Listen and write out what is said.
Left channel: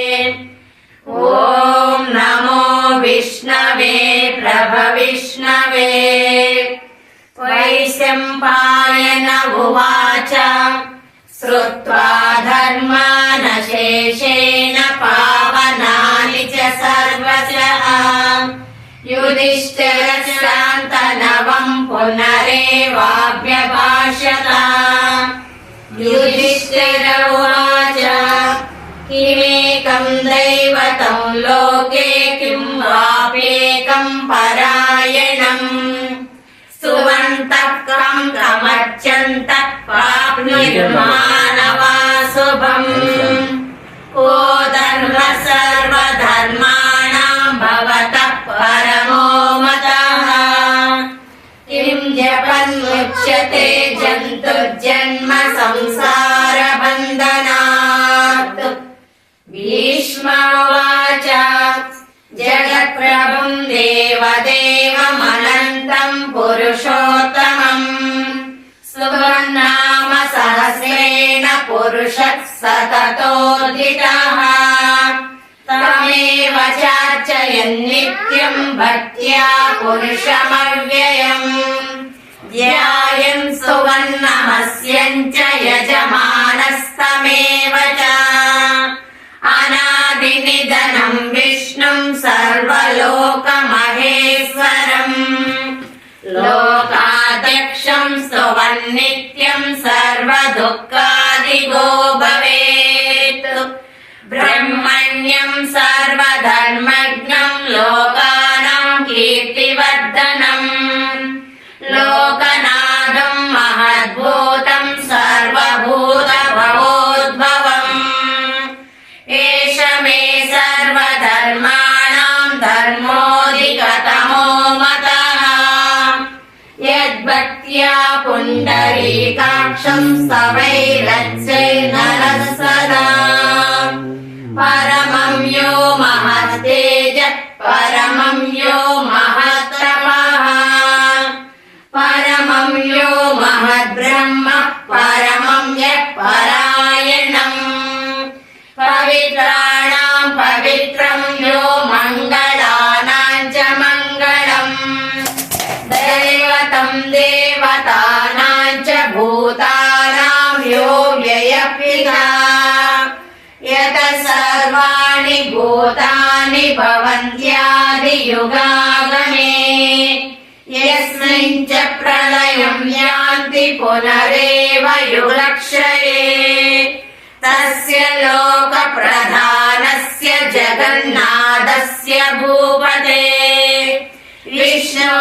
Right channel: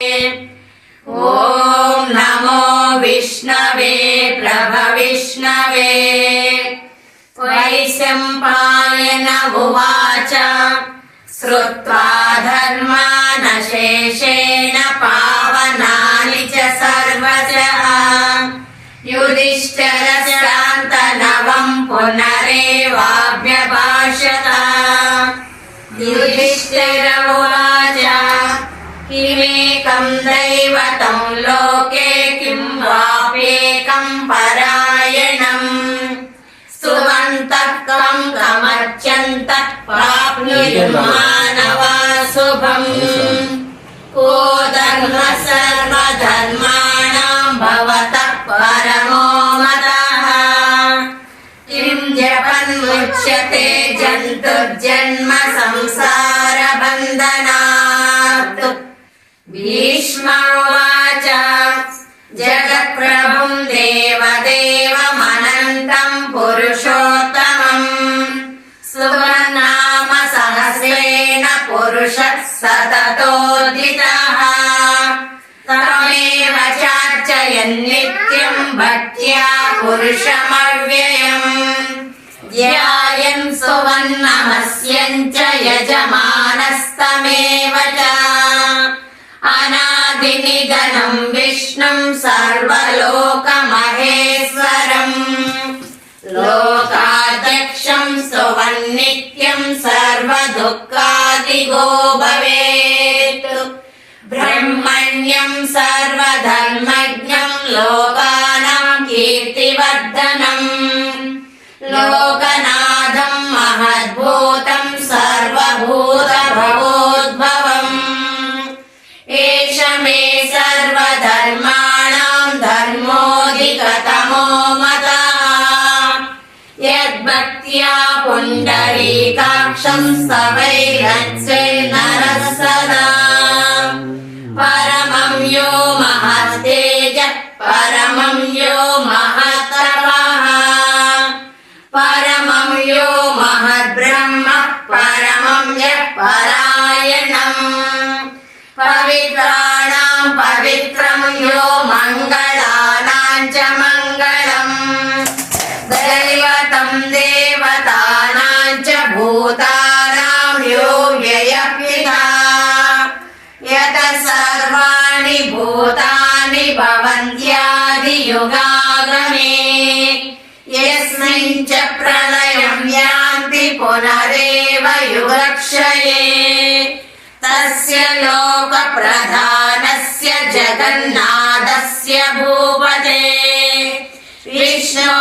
ॐ नमो विष्णवे प्रभविष्णवे। वैशम्पायन उवाच श्रुत्वा धर्मानशेषेण पावनानि च सर्वशः युधिष्ठिरस्यान्तनवम् पुनरेवाभ्यभाषत। युधिष्ठिर उवाच किमेकम् दैवतम् लोके किं वाप्येकम् परायणम् सुमन्तः कम् कमर्चन्तः प्राप्नुर्मानवा शुभम्। को धर्मः सर्वधर्माणाम् भवतः परमो मतः किं जपन्मुच्यते जन्तुर्जन्म संसारबन्धनात्। भीष्म उवाच जगत्प्रभुम् देवदेवमनन्तम् पुरुषोत्तमम् सुवर्नाम सहस्रेण पुरुषः सततोदितः तमेव चार्चयन्नित्यम् भक्त्या पुरुषमव्ययम् ध्यायन् सुवर्णमस्यम् च यजमानस्तमेव च। अनादिनिधनम् विष्णुम् सर्वलोकमहेश्वरम् लोकाध्यक्षम् सुवन्नित्यम् सर्वदुःखादिगो भवेत्। ब्रह्मण्यम् सर्वधर्मज्ञम् लोकानाम् कीर्तिवर्धनम् लोकनाथम् महद्भूतम् सर्वभूतभवोद्भवम्। एष मे सर्वधर्माणाम् धर्मोऽधिगतमो मतः यद्भक्त्या पुण्डरीकाक्षम् स्तवैरर्चेर्नरः सदा। परमं यो महस्तेजः परमं यो महत्तपः परमं यो महद्ब्रह्म परमं यः परायणम्। पवित्राणाम् पवित्रं यो मङ्गलानाम् च मङ्गलम् दैवतम् देवतानाम् च भूतानाम् यो व्ययपिता यतः सर्वाणि भूतानि भवन्त्यादियुगागमे यस्मिन् च प्रलयम् यान्ति पुनरेव युगक्षये तस्य लोकप्रधानस्य जगन्नाथस्य भूपते विष्णो